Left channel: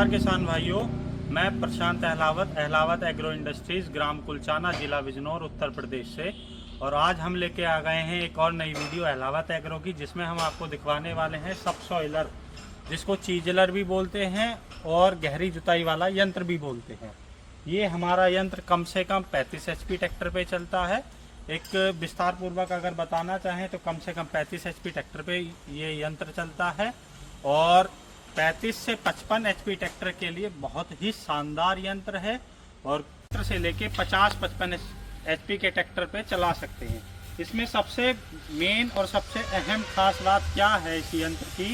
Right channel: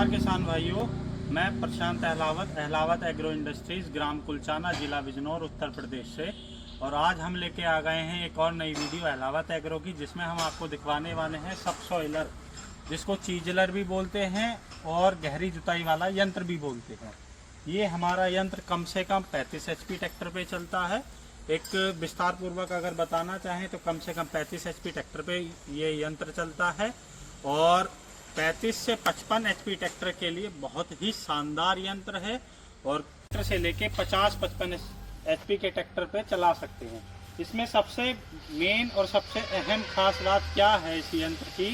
नमस्कार किसान भाइयों, मैं प्रशांत अहलावत एग्रो इंडस्ट्रीज, ग्राम कुलचाना, जिला बिजनौर, उत्तर प्रदेश से। और आज हम लेके आ गए हैं एक और नई वीडियो अहलावत एग्रो की, जिसमें हम आपको दिखवाने वाले हैं सबसॉइलर, जिसको चीजलर भी बोलते हैं और गहरी जुताई वाला यंत्र भी बोलते हैं। ये हमारा यंत्र कम से कम 35 HP ट्रैक्टर पे चलता है। एक विस्तार पूर्वक अगर बताना चाहें तो कम से कम 35 HP ट्रैक्टर पे ये यंत्र चलता है और 35 से 55 HP ट्रैक्टर के लिए बहुत ही शानदार यंत्र है और ट्रैक्टर से लेके 50-55 HP के ट्रैक्टर पे चला सकते हैं। इसमें सबसे मेन और सबसे अहम खास बात क्या है इस यंत्र की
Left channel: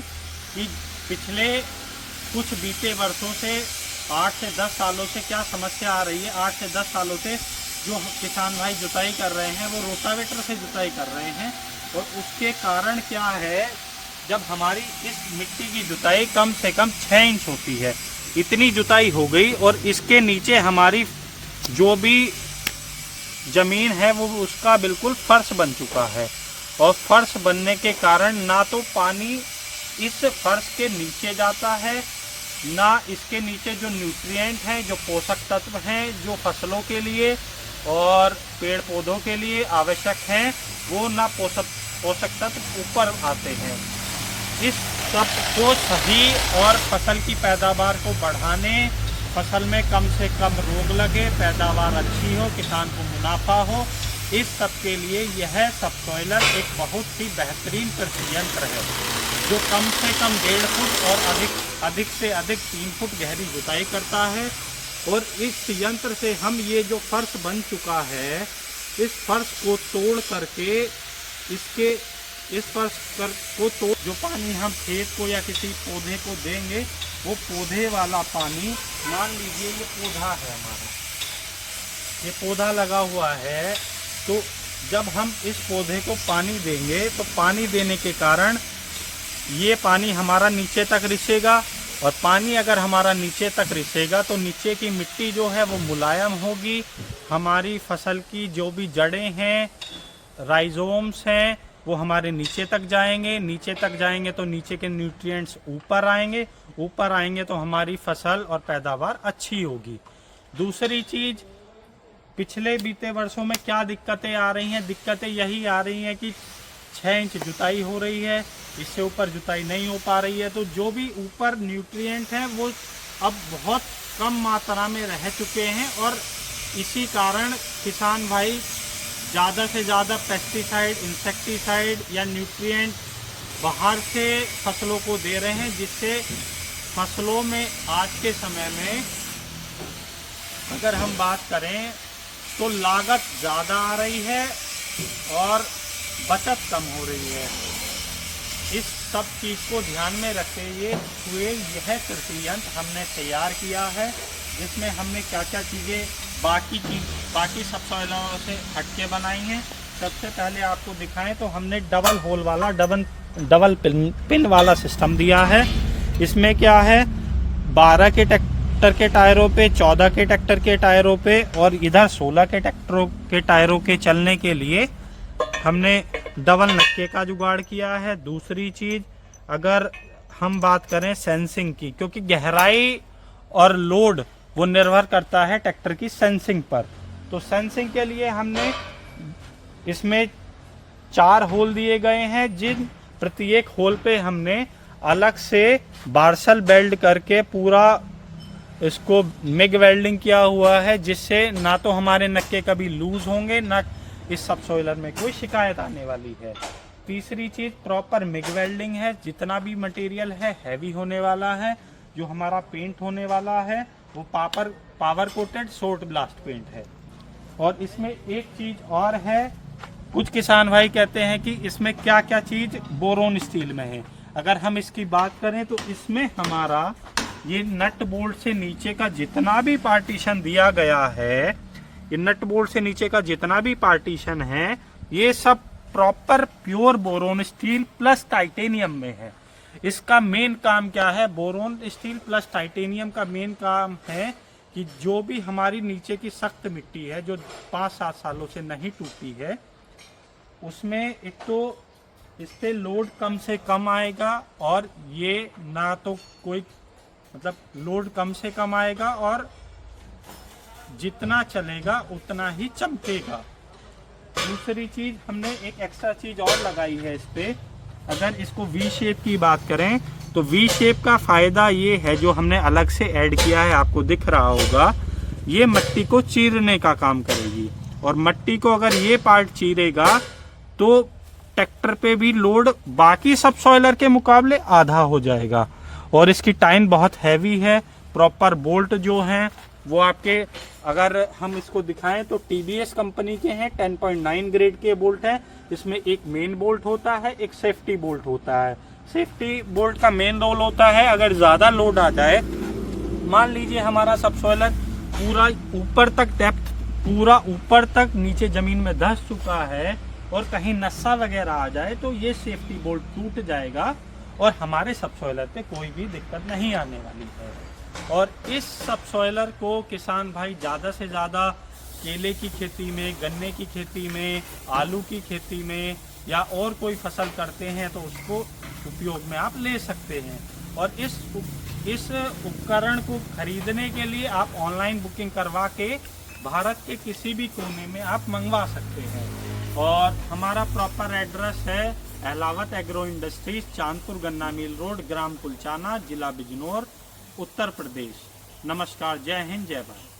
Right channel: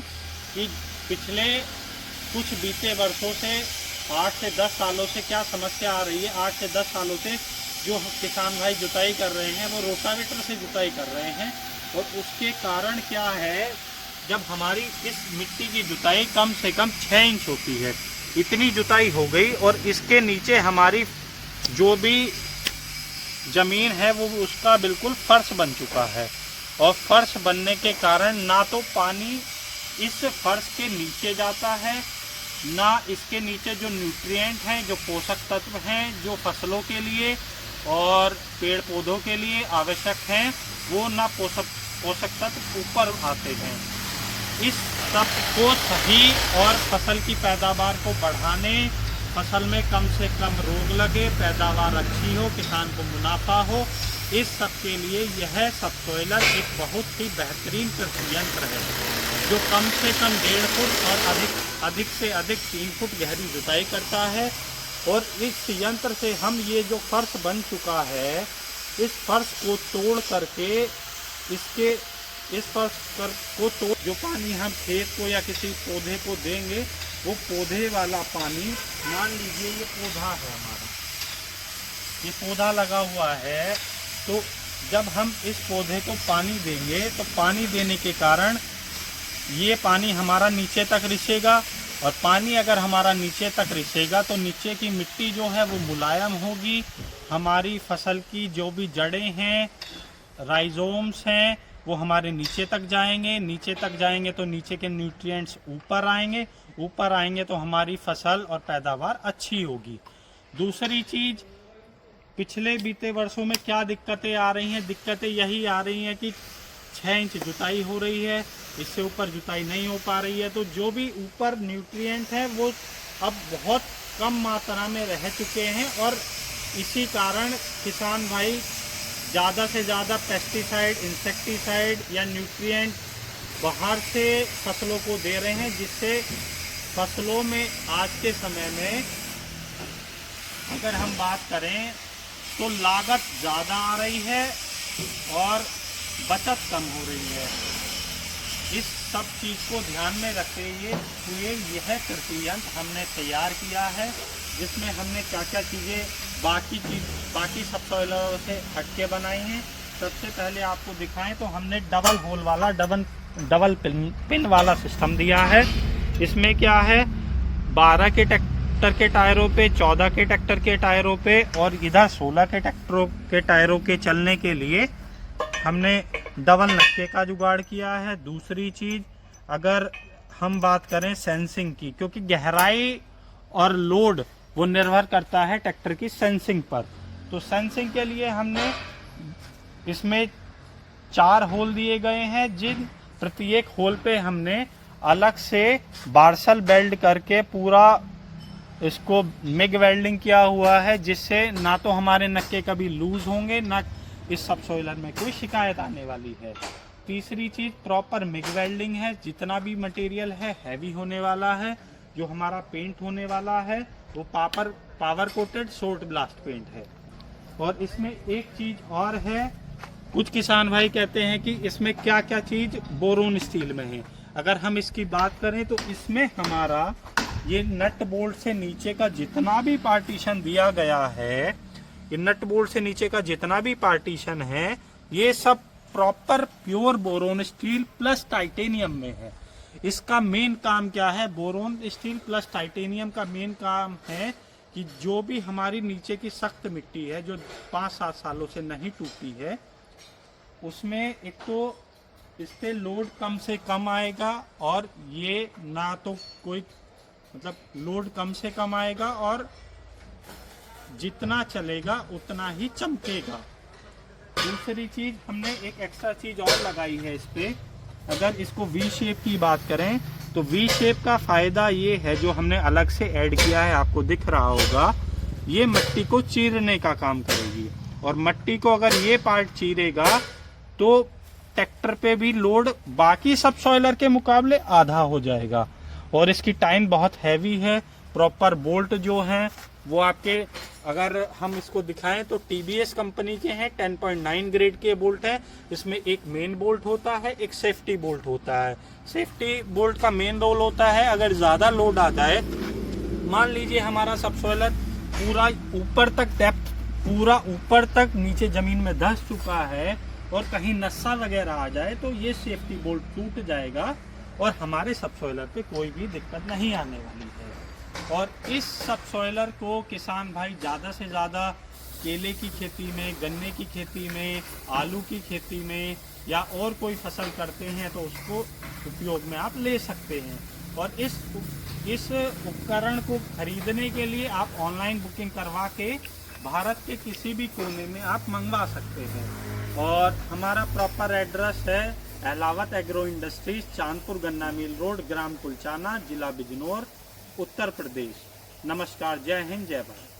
कि पिछले कुछ बीते वर्षों से 8 से 10 सालों से क्या समस्या आ रही है। 8 से 10 सालों से जो किसान भाई जुताई कर रहे हैं वो रोटावेटर से जुताई कर रहे हैं और उसके कारण क्या है, जब हमारी इस मिट्टी की जुताई कम से कम 6 इंच होती है, इतनी जुताई हो गई और इसके नीचे हमारी जो भी जमीन है वो उसका बिल्कुल फर्श बन चुका है। और फर्श बनने के कारण ना तो पानी इस फर्श के नीचे जाता है, ना इसके नीचे जो न्यूट्रिएंट हैं, जो पोषक तत्व हैं जो फसलों के लिए और पेड़ पौधों के लिए आवश्यक हैं, वो ना पोषक तत्व ऊपर आते हैं। इस सब को सही और फसल की पैदावार को बढ़ाने, फसल में कम से कम रोग लगे, पैदावार अच्छी हो, किसान को मुनाफा हो, इस सब के लिए यह सबसॉइलर एक बहुत ही बेहतरीन कृषि यंत्र है जो कम से कम 1.5 फुट और अधिक से अधिक 3 फुट गहरी जुताई करता है। और इस यंत्र से हम ये जो फर्श बन चुका है, इस फर्श को तोड़ करके इस फर्श को तोड़ जो पानी हम खेत को या किसी पौधे को देंगे, वो पौधे वाला पानी, मान लीजिए ये पौधा है हमारा, ये पौधा लगा हुआ है, तो जब हम इस पौधे को पानी देंगे तो पानी देने के कारण ये पानी हमारा नीचे तक रिसेगा और पानी अगर हमारा नीचे तक रिसेगा तो नीचे की मिट्टी जो है वो मुलायम होगी। हमारी फसल की जो भी जड़ें हैं, राइजोम्स हैं, वो हमारे नीचे तक जाएंगे तो नीचे के न्यूट्रिएंट्स ऊपर आएंगे तो हमारी फसल और पैदावार अच्छी होगी। दूसरी चीज़, पिछले बीते वर्षों में क्या दिक्कतें आ रही हैं, दिक्कतें यही आ रही हैं कि 6 इंच जुताई हो रही है, इससे ऊपर जुताई नहीं हो पा रही है, तो जो भी ऊपर न्यूट्रिएंट हैं वो अब बहुत कम मात्रा में रह चुके हैं और इसी कारण किसान भाई ज़्यादा से ज़्यादा पेस्टिसाइड, इंसेक्टिसाइड या न्यूट्रिएंट बाहर से फसलों को दे रहे हैं, जिससे फसलों में आज के समय में अगर हम बात करें तो लागत ज़्यादा आ रही है और बचत कम हो रही है। इस सब चीज़ को ध्यान में रखते हुए यह कृषि यंत्र हमने तैयार किया है, जिसमें हमने क्या क्या चीज़ें बाकी सबसॉइलरों से हटके बनाई हैं। सबसे पहले आपको दिखाएं तो हमने डबल होल वाला डबल पिन वाला सिस्टम दिया है। इसमें क्या है, 12 के ट्रैक्टर के टायरों पे, 14 के ट्रैक्टर के टायरों पे और इधर 16 के ट्रैक्टरों के टायरों के चलने के लिए हमने डबल नक्के का जुगाड़ किया है। दूसरी चीज़, अगर हम बात करें सेंसिंग की, क्योंकि गहराई और लोड वो निर्भर करता है ट्रैक्टर की सेंसिंग पर, तो सेंसिंग के लिए हमने इसमें 4 होल दिए गए हैं, जिन प्रत्येक होल पे हमने अलग से बार्सल वेल्ड करके पूरा इसको मिग वेल्डिंग किया हुआ है, जिससे ना तो हमारे नक्के कभी लूज होंगे, ना इस सबसॉइलर में कोई शिकायत आने वाली है। तीसरी चीज़, प्रॉपर मिग वेल्डिंग है, जितना भी मटेरियल है हैवी होने वाला है। जो हमारा पेंट होने वाला है वो power coated short blast paint है। और इसमें एक चीज़ और है, कुछ किसान भाई कहते हैं कि इसमें क्या क्या चीज़ बोरोन स्टील में है। अगर हम इसकी बात करें तो इसमें हमारा ये नट बोल्ट से नीचे का जितना भी पार्टीशन दिया गया है, ये नट बोल्ट से नीचे का जितना भी पार्टीशन है, ये सब proper pure boron steel plus titanium में है। इसका मेन काम क्या है, बोरोन स्टील प्लस टाइटेनियम का मेन काम है कि जो भी हमारी नीचे की सख्त मिट्टी है जो 5-7 सालों से नहीं टूटी है, उसमें एक तो इस पे लोड कम से कम आएगा और ये ना तो कोई मतलब लोड कम से कम आएगा और जितना चलेगा उतना ही चमकेगा। दूसरी चीज हमने एक एक्स्ट्रा चीज और लगाई है इस पे। अगर इसको वी शेप की बात करें तो वी शेप का फायदा ये है, जो हमने अलग से ऐड किया है आपको दिख रहा होगा, ये मिट्टी को चीरने का काम करेगी। और मिट्टी को अगर ये पार्ट चीरेगा तो ट्रैक्टर पे भी लोड बाकी सब सॉइलर के मुकाबले आधा हो जाएगा। और इसकी टाइन बहुत हैवी है। प्रॉपर बोल्ट जो हैं वो आपके, अगर हम इसको दिखाएं तो टीबीएस कंपनी के हैं, 10.9 ग्रेड के बोल्ट है। इसमें एक मेन बोल्ट होता है, एक सेफ्टी बोल्ट होता है। सेफ्टी बोल्ट का मेन रोल होता है, अगर ज्यादा लोड आ जाए, मान लीजिए हमारा सबसॉइलर पूरा ऊपर तक डेप्थ, पूरा ऊपर तक नीचे जमीन में धंस चुका है और कहीं नस्सा वगैरह आ जाए तो ये सेफ्टी बोल्ट टूट जाएगा और हमारे सबसॉइलर पे कोई भी दिक्कत नहीं आने वाली है। और इस सबसॉइलर को किसान भाई ज़्यादा से ज़्यादा केले की खेती में, गन्ने की खेती में, आलू की खेती में या और कोई फसल करते हैं तो उसको उपयोग में आप ले सकते हैं। और इस उपकरण को खरीदने के लिए आप ऑनलाइन बुकिंग करवा के भारत के किसी भी कोने में आप मंगवा सकते हैं। और हमारा प्रॉपर एड्रेस है अहलावत एग्रो इंडस्ट्रीज, चांदपुर गन्ना मिल रोड, ग्राम कुलचाना, जिला बिजनौर, उत्तर प्रदेश। नमस्कार, जय हिंद, जय भारत।